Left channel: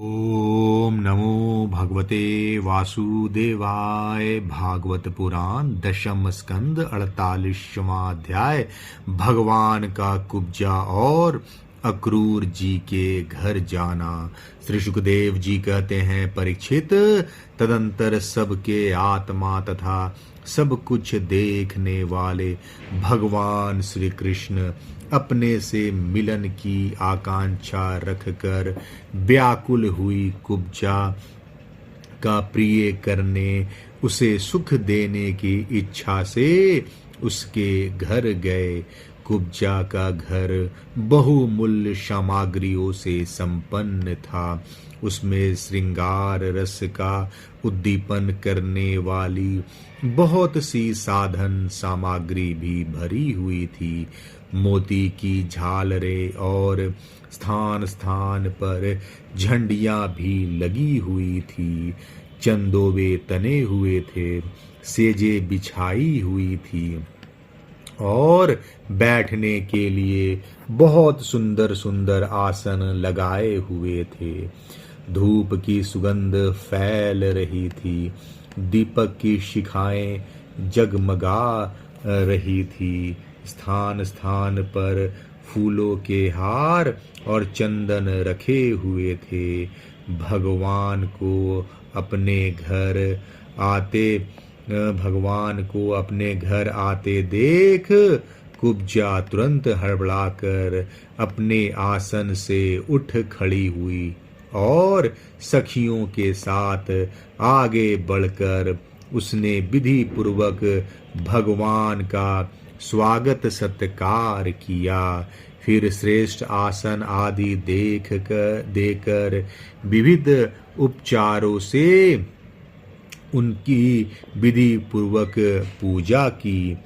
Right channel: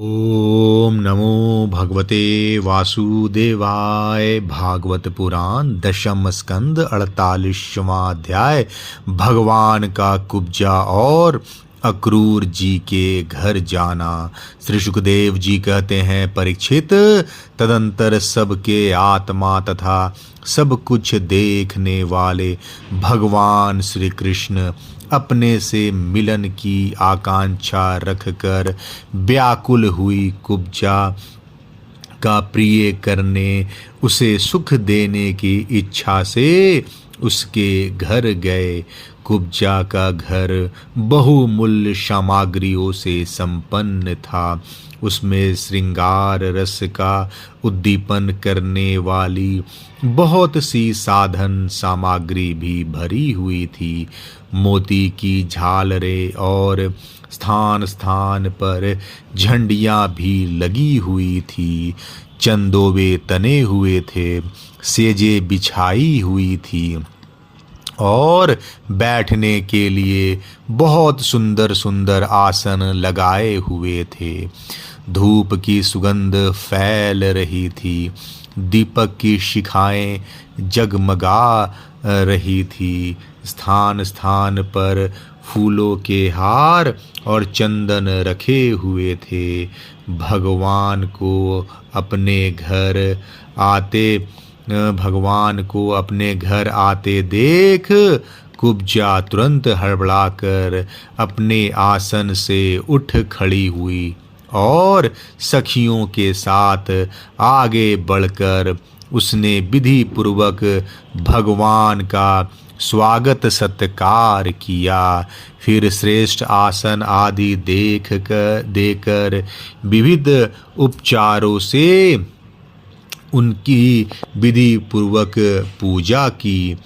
ओम नमो भगवते वासुदेवाय। भागवत पुराण दशम स्कंद 48वां अध्याय। भगवान का कुब्जा और अक्रूर जी के घर जाना। श्री सुखदेव जी कहते हैं, परीक्षित, तदंतर सबके आत्मा तथा सब कुछ देखने वाले भगवान श्री कृष्ण अपने से मिलन की आकांक्षा रखकर व्याकुल हुई कुब्जा का प्रिय करने, उसे सुख देने की इच्छा से उसके घर गए। कुब्जा का घर बहुमूल्य सामग्रियों से संपन्न था। उसमें श्रृंगार रस का उद्दीपन करने वाली बहुत सी साधन सामग्री भी भरी हुई थी। मोती की झालरें और स्थान स्थान पर झंडियां भी लगी हुई थी। चंदोवे तने हुए थे, सेजे बिछाई हुई थी और बैठने के लिए बहुत सुंदर सुंदर आसन लगाए हुए थे। धूप की सुगंध फैल रही थी। दीपक की शिखाएं जगमगा रही थी। स्थान स्थान पर फूलों के हार और चंदन रखे हुए थे। भगवान को अपने घर आते देख कुब्जा तुरंत हड़बड़ाकर अपने आसन से उठ खड़ी हुई और सखियों के साथ आगे बढ़कर उसने विधि पूर्वक भगवान का स्वागत सत्कार किया। फिर श्रेष्ठ आसन आदि देकर विविध उपचारों से उनकी विधि पूर्वक पूजा की।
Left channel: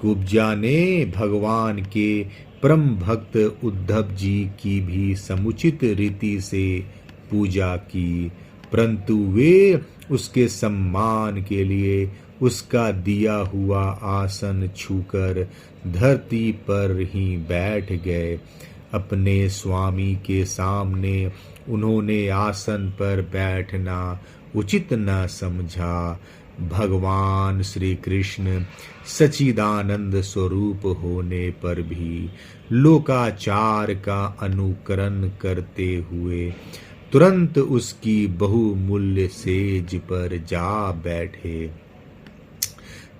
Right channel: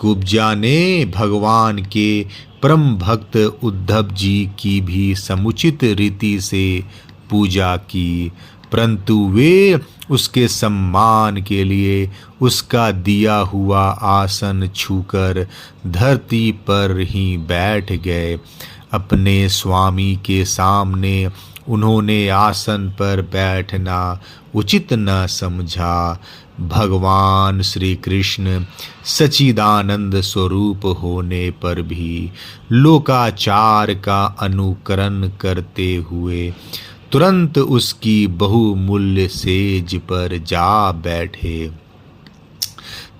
कुब्जा ने भगवान के परम भक्त उद्धव जी की भी समुचित रीति से पूजा की, परंतु वे उसके सम्मान के लिए उसका दिया हुआ आसन छूकर धरती पर ही बैठ गए। अपने स्वामी के सामने उन्होंने आसन पर बैठना उचित न समझा। भगवान श्री कृष्ण सच्चिदानंद स्वरूप होने पर भी लोकाचार का अनुकरण करते हुए तुरंत उसकी बहुमूल्य सेज पर जा बैठे।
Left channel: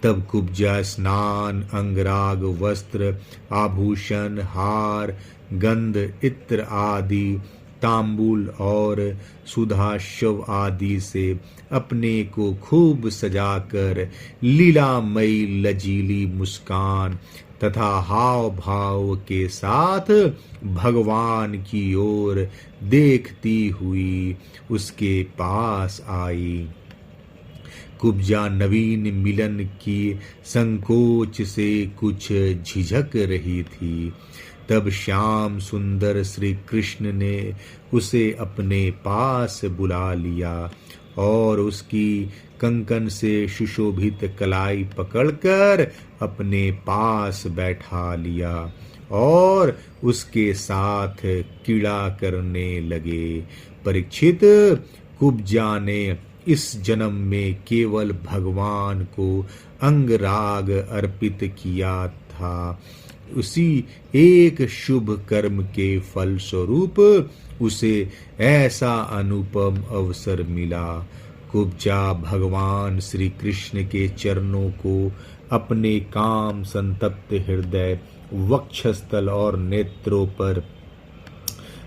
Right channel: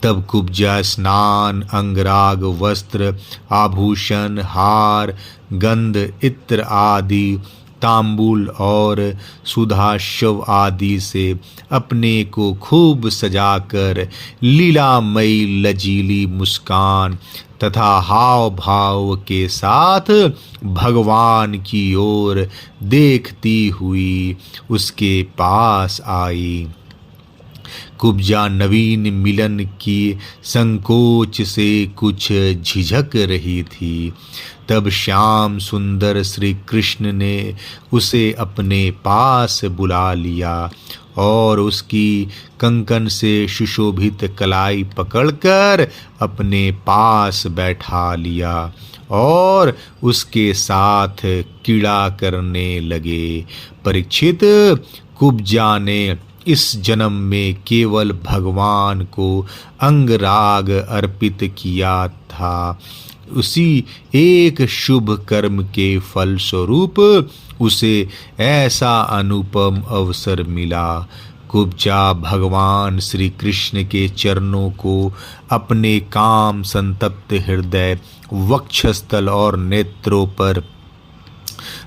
तब कुब्जा स्नान, अंगराग, वस्त्र, आभूषण, हार, गंध, इत्र आदि, तांबूल और सुधाशव आदि से अपने को खूब सजाकर लीलामयी लजीली मुस्कान तथा हाव भाव के साथ भगवान की ओर देखती हुई उसके पास आई। कुब्जा नवीन मिलन की संकोच से कुछ झिझक रही थी। तब श्याम सुंदर श्री कृष्ण ने उसे अपने पास बुला लिया और उसकी कंकन से सुशोभित कलाई पकड़कर अपने पास बैठा लिया और उसके साथ क्रीड़ा करने लगे। परीक्षित, कुब्जा ने इस जन्म में केवल भगवान को अंगराग अर्पित किया था। उसी एक शुभ कर्म के फल स्वरूप उसे ऐसा अनुपम अवसर मिला। कुब्जा भगवान श्री कृष्ण के चरणों को अपने काम संतप्त हृदय, वक्षस्थल और नेत्रों पर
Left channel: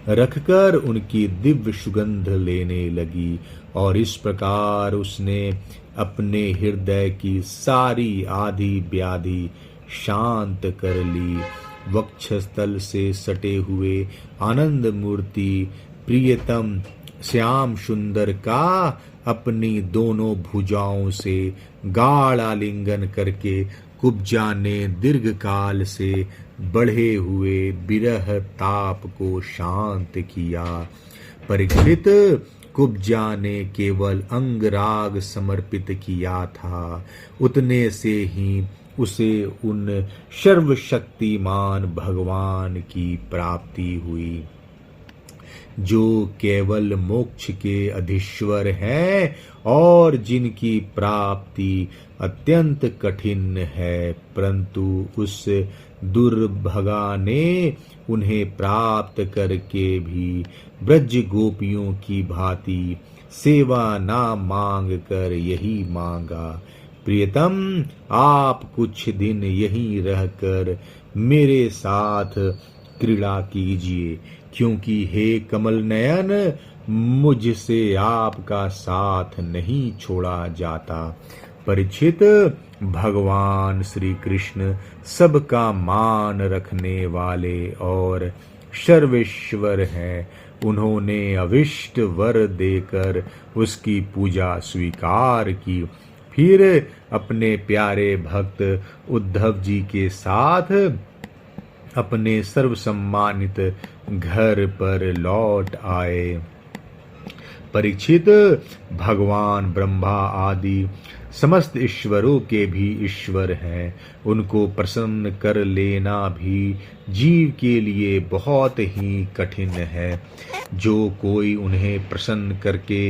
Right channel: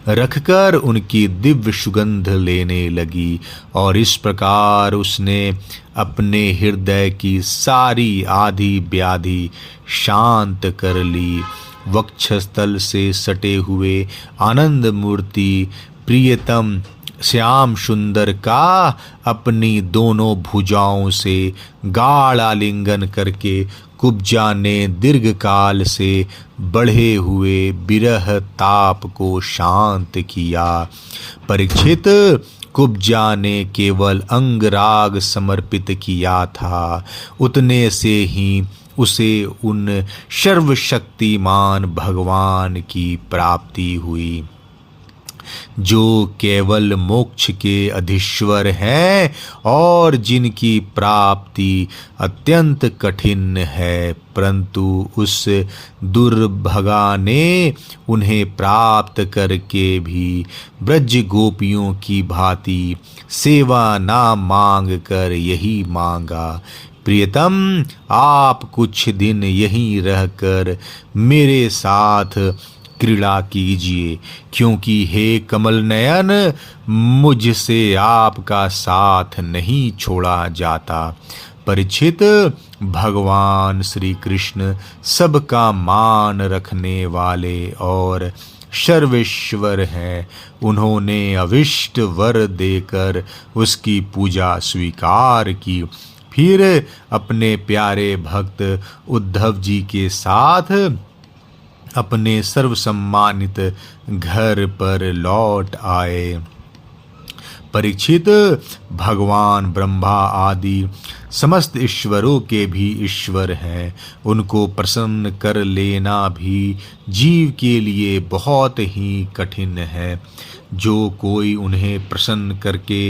रखकर उनकी दिव्य सुगंध लेने लगी और इस प्रकार उसने अपने हृदय की सारी आधी व्याधि शांत कर ली। वक्षस्थल से सटे हुए आनंद मूर्ति प्रियतम श्याम सुंदर का अपनी दोनों भुजाओं से गाढ़ आलिंगन करके कुब्जा ने दीर्घ काल से बढ़े हुए विरह ताप को शांत किया। परीक्षित, कुब्जा ने केवल अंगराग समर्पित किया था, उतने से ही उसे उन सर्वशक्तिमान भगवान की प्राप्ति हुई। जो केवल मोक्ष के अधीश्वर हैं और जिनकी प्राप्ति अत्यंत कठिन है, परंतु उस दुर्भगा ने उन्हें प्राप्त करके भी ब्रज गोपियों की भांति सेवा ना मांग कर यही मांगा, प्रियतम आप कुछ दिन यहीं रहकर मेरे साथ क्रीड़ा कीजिए, क्योंकि हे कमल नयन मुझसे आपका साथ नहीं छोड़ा जाता। परीक्षित, भगवान श्री कृष्ण सबका मान रखने वाले और सर्वेश्वर हैं। उन्होंने अविष्ट वर देकर उसकी पूजा स्वीकार की, फिर अपने प्यारे भक्त उद्धव जी के साथ अपने सर्वसम्मानित घर पर लौट आए। परीक्षित, भगवान ब्रह्मा आदि समस्त ईश्वरों के भी ईश्वर हैं। उनको प्रसन्न कर लेना भी जीव के लिए बहुत ही कठिन है। जो कोई उन्हें प्रसन्न करके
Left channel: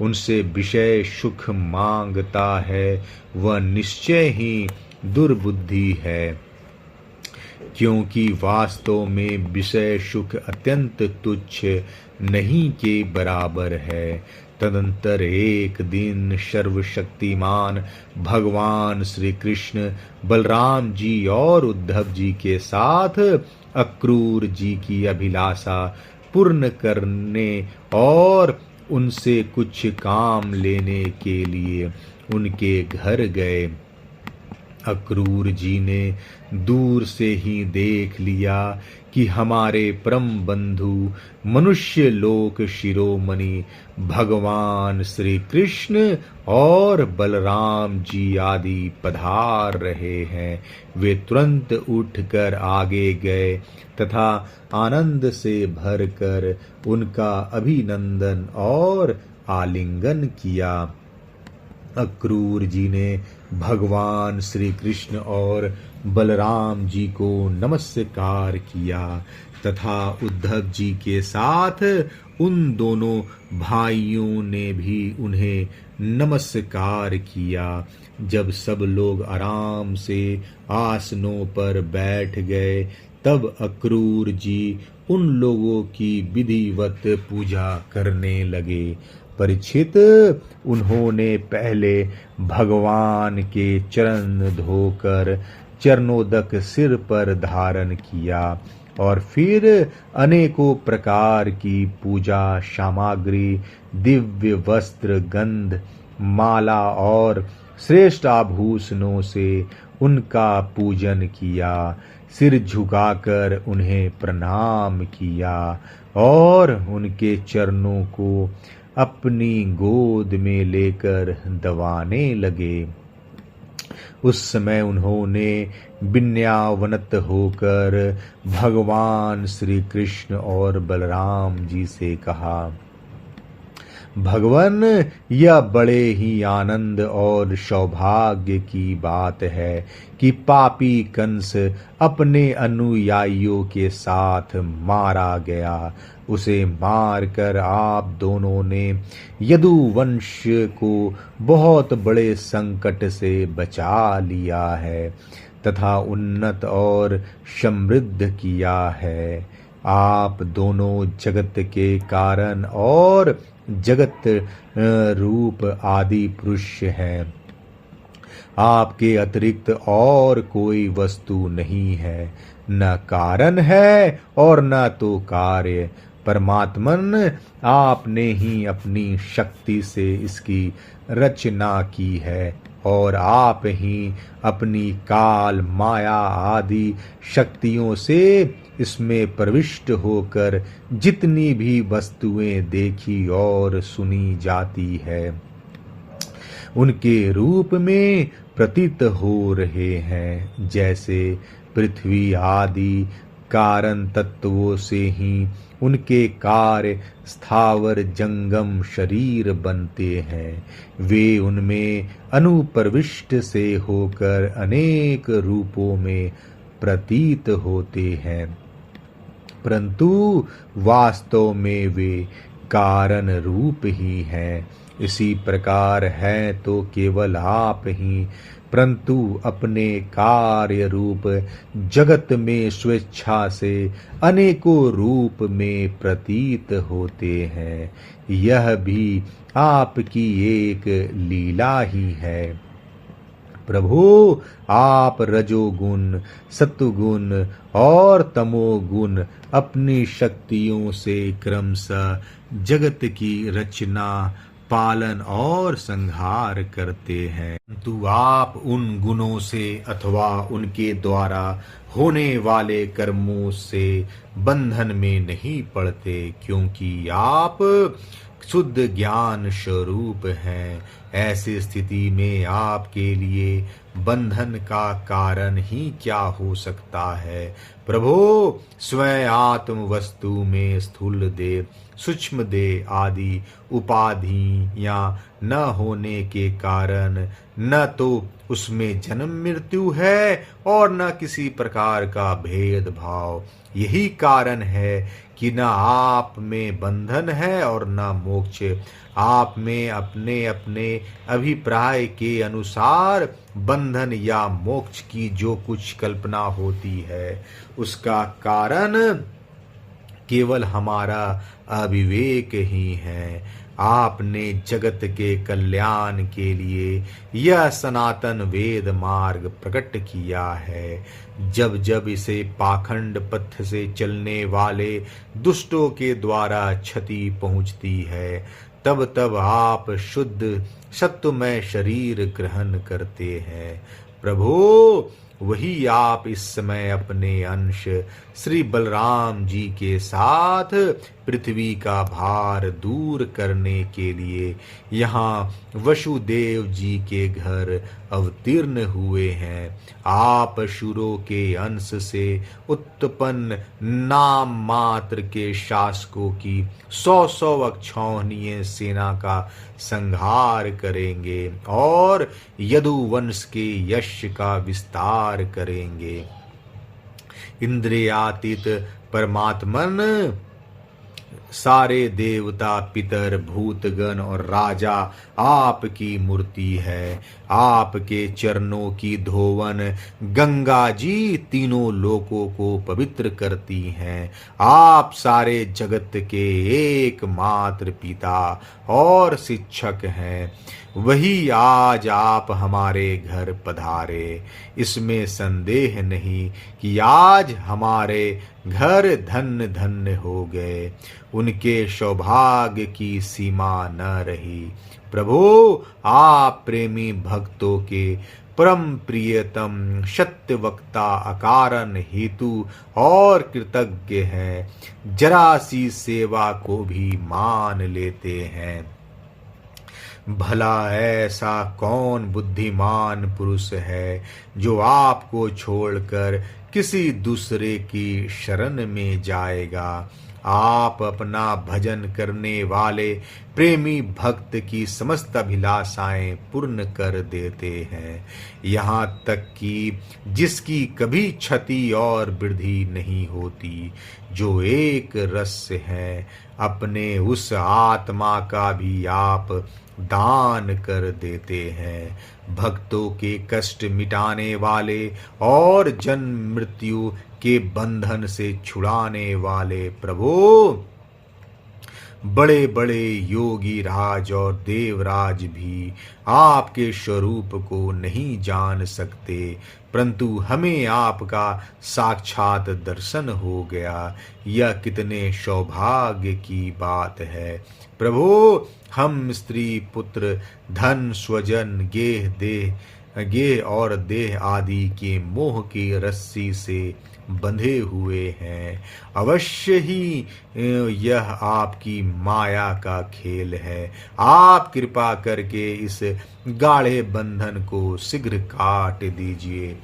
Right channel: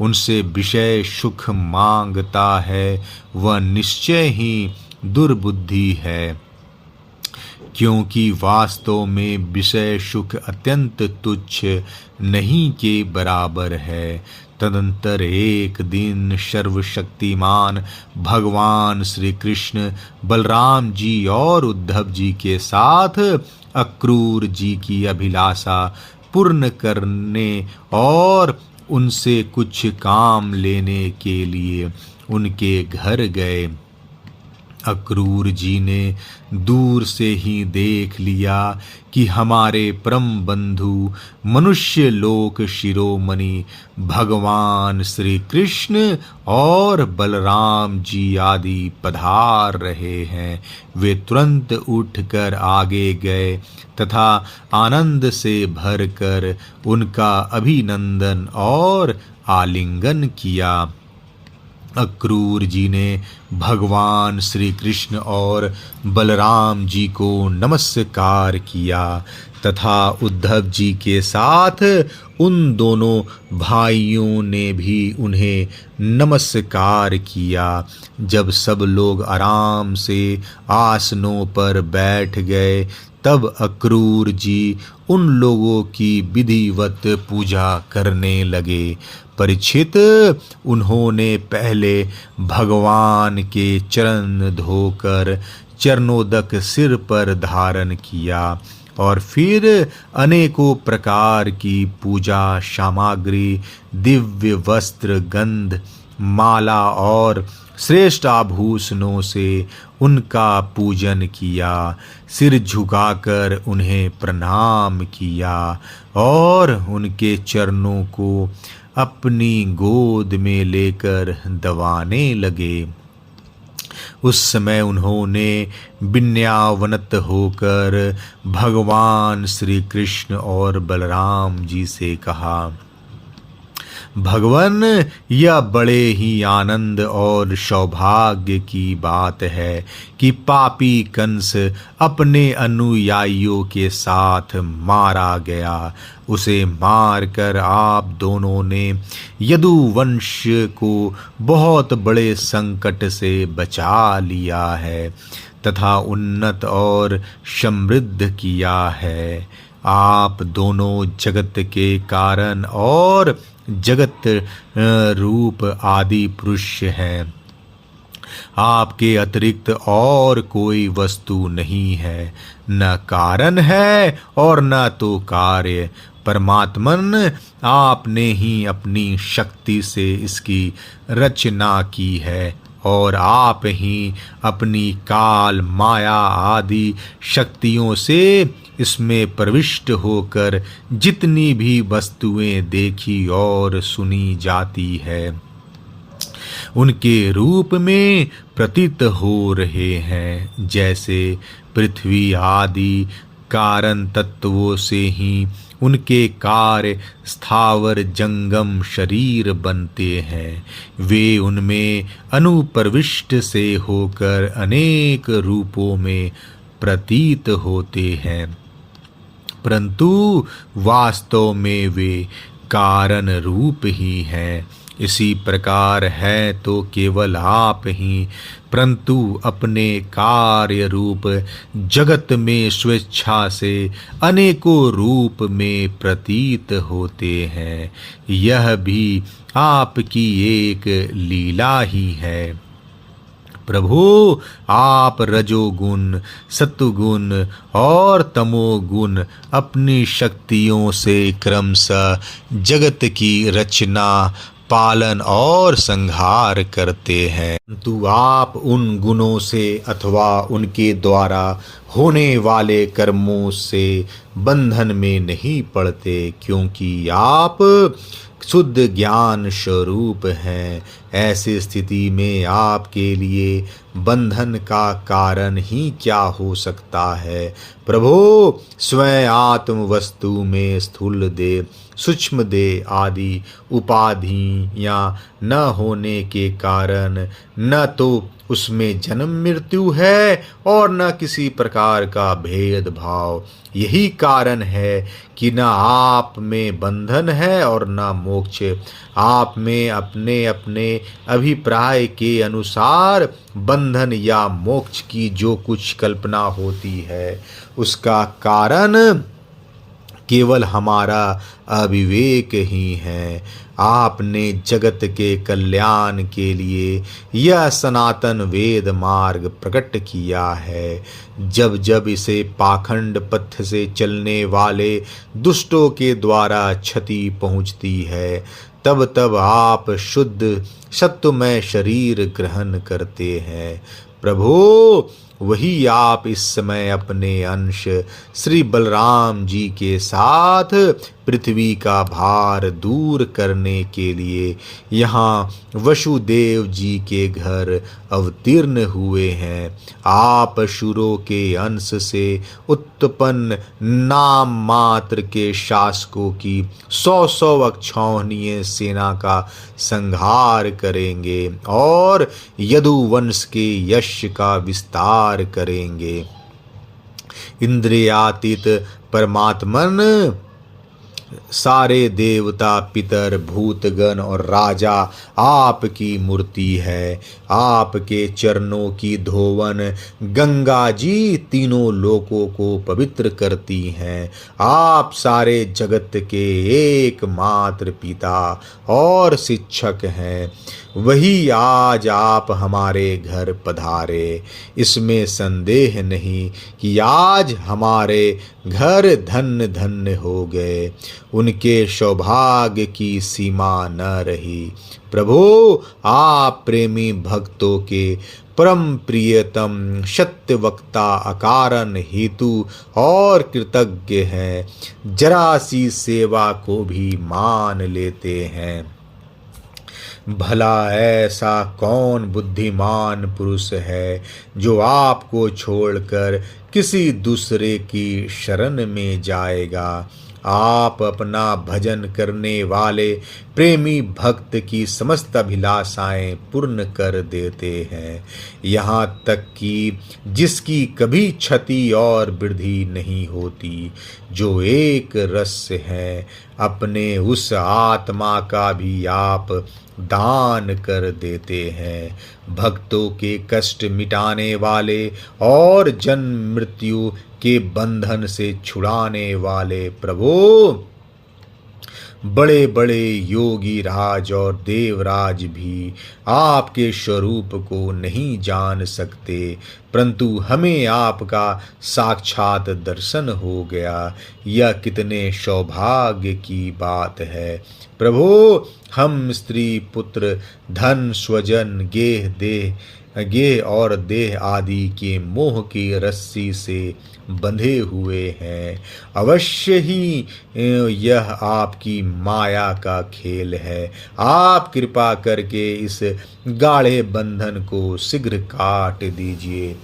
उनसे विषय सुख मांगता है, वह निश्चय ही दुर्बुद्धि है, क्योंकि वास्तव में विषय सुख अत्यंत तुच्छ नहीं के बराबर है। तदंतर एक दिन सर्वशक्तिमान भगवान श्री कृष्ण बलराम जी और उद्धव जी के साथ अक्रूर जी की अभिलाषा पूर्ण करने और उनसे कुछ काम लेने के लिए उनके घर गए। अक्रूर जी ने दूर से ही देख लिया कि हमारे परम बंधु मनुष्य लोक शिरोमणि भगवान श्री कृष्ण और बलराम जी आदि पधार रहे हैं। वे तुरंत उठकर आगे गए तथा आनंद से भरकर उनका अभिनंदन और आलिंगन किया। अक्रूर जी ने भगवान श्री कृष्ण और बलराम जी को नमस्कार किया तथा उद्धव जी के साथ उन दोनों भाइयों ने भी उन्हें नमस्कार किया। जब सब लोग आराम से आसनों पर बैठ गए, तब अक्रूर जी उन लोगों की विधिवत पूजा करने लगे। परीक्षित, उन्होंने पहले भगवान के चरण धोकर चरणोदक सिर पर धारण किया और फिर अनेकों प्रकार की पूजा सामग्री, दिव्य वस्त्र, गंध, माला और श्रेष्ठ आभूषणों से उनका पूजन किया। सिर झुकाकर उन्हें प्रणाम किया और उनके चरणों को अपनी गोद में लेकर दबाने लगे। उस समय उन्होंने विनयावनत होकर भगवान श्री कृष्ण और बलराम जी से कहा, भगवान, यह बड़े ही आनंद और सौभाग्य की बात है कि पापी कंस अपने अनुयायियों के साथ मारा गया। उसे मारकर आप दोनों ने यदुवंश को बहुत बड़े संकट से बचा लिया है तथा उन्नत और समृद्ध किया है। आप दोनों जगत के कारण और जगत रूप आदि पुरुष हैं। आपके अतिरिक्त और कोई वस्तु नहीं है, न कारण है और न तो कार्य। परमात्मन, आपने ही अपनी शक्ति से इसकी रचना की है और आप ही अपनी काल, माया आदि शक्तियों से इसमें प्रविष्ट होकर जितनी भी वस्तुएं देखी और सुनी जाती है, उनके रूप में प्रतीत हो रहे हैं। जैसे पृथ्वी आदि कारण तत्वों से ही उनके कार्य स्थावर जंगम शरीर बनते हैं, वे उनमें अनुप्रविष्ट से होकर अनेक रूपों में प्रतीत होते हैं। परंतु वास्तव में वे कारण रूप ही हैं। इसी प्रकार है तो केवल आप ही, परंतु अपने कार्य रूप जगत में स्वेच्छा से अनेकों रूप में प्रतीत होते हैं। यह भी आपकी एक लीला ही है। प्रभु, आप रजोगुण, सत्वगुण और तमोगुण अपनी शक्तियों से क्रमशः जगत की रचना, पालन और संहार करते हैं, परंतु आप उन गुणों से अथवा उनके द्वारा होने वाले कर्मों से बंधन में नहीं पड़ते, क्योंकि आप शुद्ध ज्ञान स्वरूप हैं। ऐसी स्थिति में आपके लिए बंधन का कारण ही क्या हो सकता है। प्रभो, स्वयं आत्म वस्तु में स्थूल देह, सूक्ष्म देह आदि उपाधियां न होने के कारण न तो उसमें जन्म मृत्यु है और न किसी प्रकार का भेदभाव। यही कारण है कि न आप में बंधन है और न मोक्ष। आप में अपने अपने अभिप्राय के अनुसार बंधन या मोक्ष की जो कुछ कल्पना होती है, उसका कारण केवल हमारा अविवेक ही है। आपने जगत के कल्याण के लिए यह सनातन वेद मार्ग प्रकट किया है। जब जब इसे पाखंड पथ से चलने वाले दुष्टों के द्वारा क्षति पहुंचती है, तब तब आप शुद्ध सत्वमय शरीर ग्रहण करते हैं। प्रभु, वही आप इस समय अपने अंश श्री बलराम जी के साथ पृथ्वी का भार दूर करने के लिए यहाँ वसुदेव जी के घर अवतीर्ण हुए हैं। आप असुरों के अंश से उत्पन्न नाम मात्र के शासकों की 100 अक्षौहिणी सेना का संहार करेंगे और यदुवंश के यश का विस्तार करेंगे। इंद्रियातीत परमात्मन सारे देवता, पितर, भूतगण और राजा आपकी मूर्ति है। आपके चरणों की धोवन गंगा जी तीनों लोकों को पवित्र करती हैं। आप सारे जगत के एकमात्र पिता और शिक्षक हैं। वही आज आप हमारे घर पधारे। इसमें संदेह नहीं कि आज हमारे घर धन्य धन्य हो गए। उनके सौभाग्य की सीमा न रही। प्रभु, आप प्रेमी भक्तों के परम प्रियतम सत्यवक्ता, अकारण हेतु और कृतज्ञ हैं। जरा सी सेवा को भी मान लेते हैं। भला ऐसा कौन बुद्धिमान पुरुष है जो आपको छोड़कर किसी दूसरे की शरण में जाएगा। आप अपना भजन करने वाले प्रेमी भक्त की समस्त अभिलाषाएं पूर्ण कर देते हैं, यहाँ तक कि जिसकी कभी क्षति और वृद्धि नहीं होती, जो एक रस है। अपने उस आत्मा का भी आप दान कर देते हैं। भक्तों के कष्ट मिटाने वाले और जन्म मृत्यु के बंधन से छुड़ाने वाले प्रभु, बड़े बड़े योगी राज और देवराज भी आपके स्वरूप को नहीं जान सकते, परंतु हमें आपका साक्षात दर्शन हो गया। यह कितने सौभाग्य की बात है। प्रभु, हम स्त्री पुत्र, धन, स्वजन, गेह और देह आदि के मोह की रस्सी से बंधे हुए हैं। अवश्य ही यह आपकी माया का खेल है। आप कृपा करके इस गाढ़े बंधन को शीघ्र काट दीजिए।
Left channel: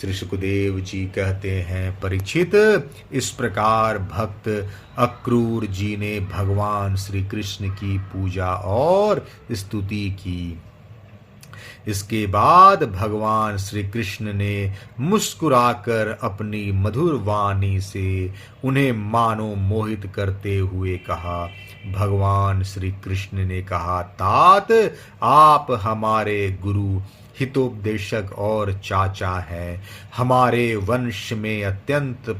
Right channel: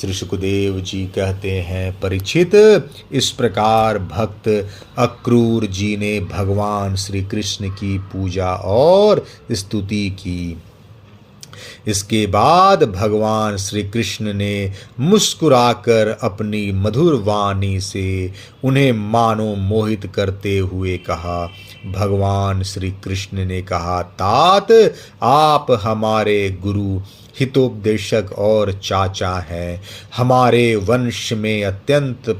श्री सुखदेव जी कहते हैं, परीक्षित, इस प्रकार भक्त अक्रूर जी ने भगवान श्री कृष्ण की पूजा और स्तुति की। इसके बाद भगवान श्री कृष्ण ने मुस्कुराकर अपनी मधुर वाणी से उन्हें मानो मोहित करते हुए कहा। भगवान श्री कृष्ण ने कहा, तात, आप हमारे गुरु, हितोपदेशक और चाचा हैं। हमारे वंश में अत्यंत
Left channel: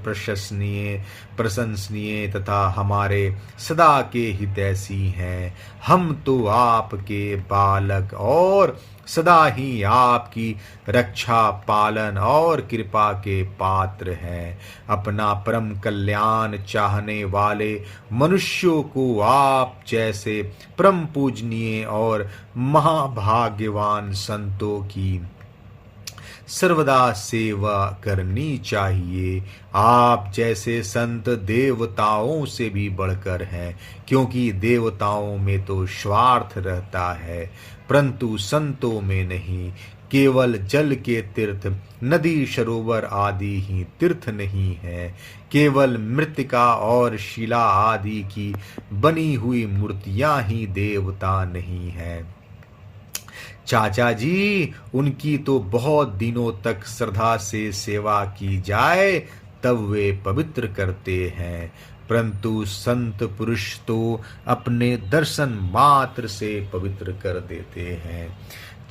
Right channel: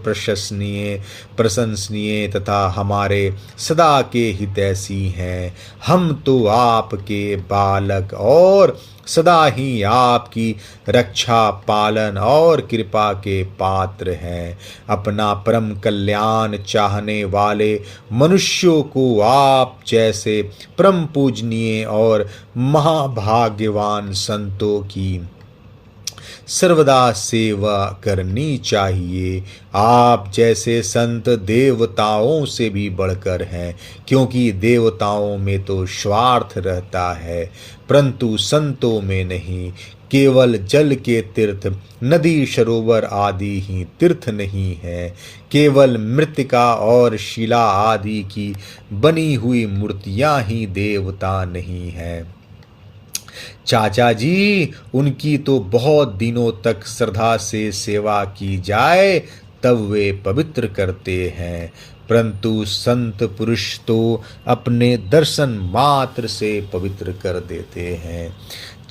प्रशंसनीय तथा हमारे सदा के हितैषी हैं। हम तो आपके बालक और सदा ही आपकी रक्षा पालन और कृपा के पात्र हैं। अपना परम कल्याण चाहने वाले मनुष्यों को आप जैसे परम पूजनीय और महाभाग्यवान संतों की सर्वदा सेवा करनी चाहिए। आप जैसे संत देवताओं से भी बढ़कर हैं, क्योंकि देवताओं में तो स्वार्थ रहता है, परंतु संतों में नहीं। केवल जल के तीर्थ, नदी सरोवर आदि ही तीर्थ नहीं है। केवल मृत्तिका और शिला आदि की बनी हुई मूर्तियां ही देवता नहीं है। चाचा जी, उनकी तो बहुत दिनों तक श्रद्धा से सेवा की जाए तब वे पवित्र करते हैं, परंतु संत पुरुष तो अपने दर्शन मात्र से पवित्र कर देते हैं।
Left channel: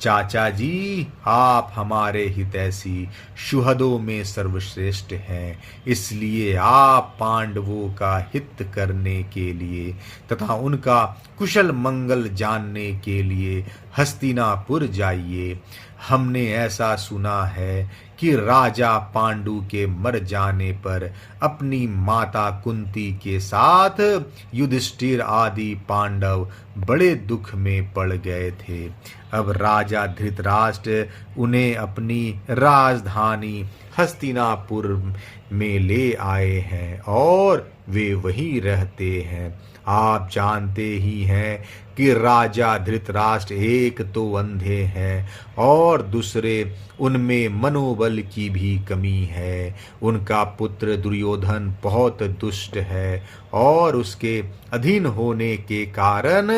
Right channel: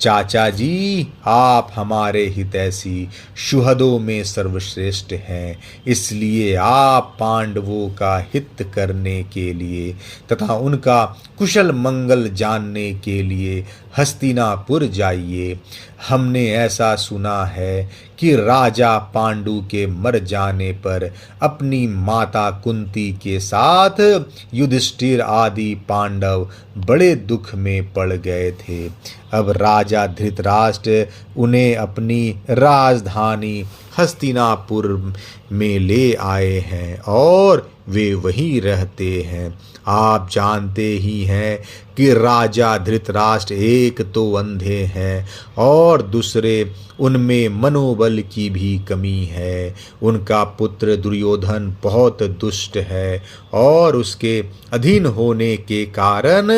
चाचा जी, आप हमारे हितैषी सुहृदों में सर्वश्रेष्ठ हैं, इसलिए आप पांडवों का हित करने के लिए तथा उनका कुशल मंगल जानने के लिए हस्तिनापुर जाइए। हमने ऐसा सुना है कि राजा पांडु के मर जाने पर अपनी माता कुंती के साथ युधिष्ठिर आदि पांडव बड़े दुख में पड़ गए थे। अब राजा धृतराष्ट्र उन्हें अपनी राजधानी हस्तिनापुर में ले आए हैं और वे वहीं रहते हैं। आप जानते ही हैं कि राजा धृतराष्ट्र एक तो अंधे हैं और दूसरे उनमें मनोबल की भी कमी है। उनका पुत्र दुर्योधन बहुत दुष्ट है और उसके अधीन होने के कारण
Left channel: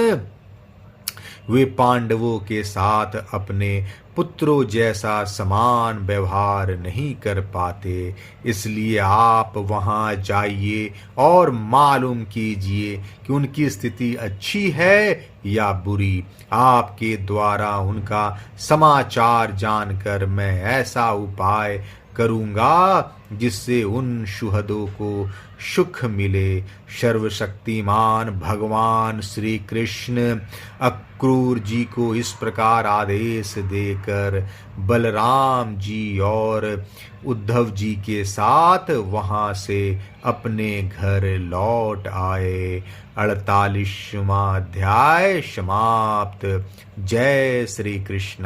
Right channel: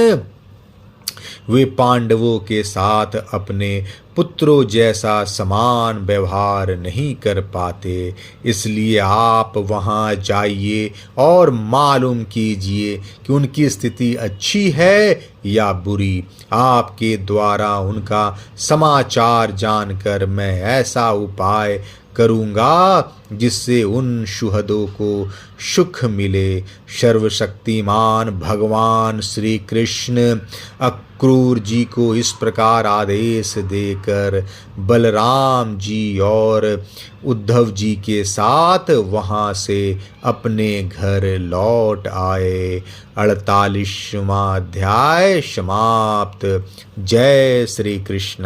वे पांडवों के साथ अपने पुत्रों जैसा समान व्यवहार नहीं कर पाते। इसलिए आप वहां जाइए और मालूम कीजिए कि उनकी स्थिति अच्छी है या बुरी। आपके द्वारा उनका समाचार जानकर मैं ऐसा उपाय करूँगा जिससे उन सुहृदों को सुख मिले। सर्वशक्तिमान भगवान श्री कृष्ण अक्रूर जी को इस प्रकार आदेश देकर बलराम जी और उद्धव जी के साथ वहां से अपने घर लौट आए। 48वां अध्याय समाप्त। जय श्री कृष्ण।